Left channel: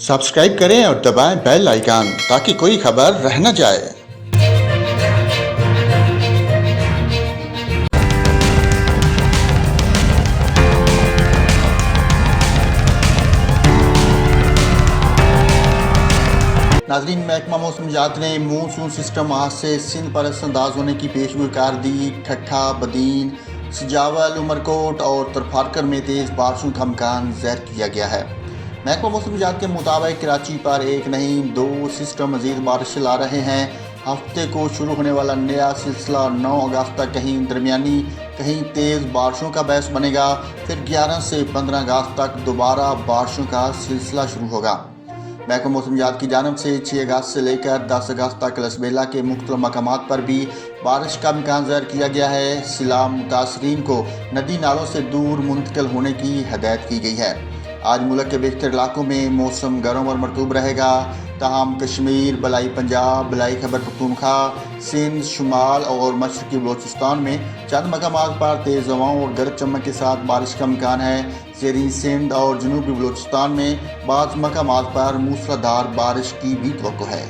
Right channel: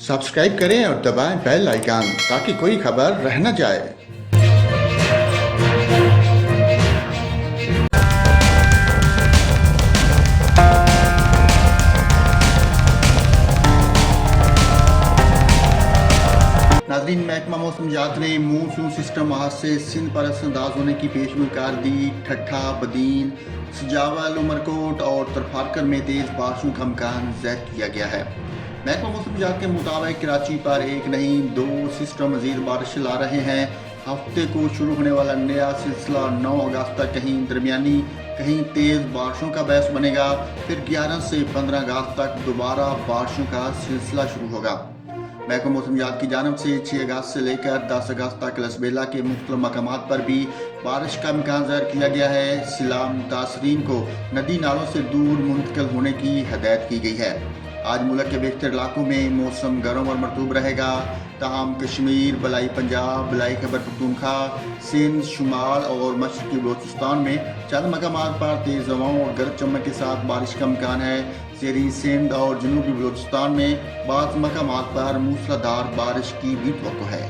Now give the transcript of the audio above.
Subscribe करें और दबाएं बेल आइकन ताकि कोई खबर रह न जाए। नाजरीन, महकमा मौसमियात ने मानसून सिस्टम आज से सिंध पर असरअंदाज होने की पेशगोई कर दी। ठट्ठा, बदीन, सजावल, उमरकोट और तरफारकर में तेज़ बारिशों का इम्कान ज़ाहिर किया गया है। महकमा मौसमियात के मुताबिक कराची पर एक नहीं 2 सिस्टम मज़ीद बारिश ला रहे हैं। हफ्ते को शुरू होने वाला नया सिलसिला 9 अगस्त तक कहीं दरमियानी कहीं तेज़ बारिशों का बहस बनेगा। फिर 11 से 15 अगस्त तक दोबारा बारिशों का सिलसिला शुरू होगा। महकमा मौसमियात की जानब से 6 अगस्त से लेकर 10 अगस्त तक लसबेला के मुख्तलिफ मकामात पर भी बारिश का इम्कान ज़ाहिर किया गया है। सिलाब मुतासरीन को नदी नालों से दूर मुंतकिल होने की हदायत की गई है। आज मुल्क के बेशतर इलाकों में मौसम गर्म और मरतूब रहेगा। ताहम कश्मीर, बलाई पंजाब, बलाई खैबर पख्तूनख्वा, सिंध, शुमाल और मशरकी बलोचिस्तान में चंद मकामात पर तेज़ हवाओं और गरज चमक के साथ बारिश का इम्कान है। ज़ेरी सिंध और जनूबी बलोचिस्तान में बाज़ मकामात पर मूसलाधार बारिश की भी तवक्को है।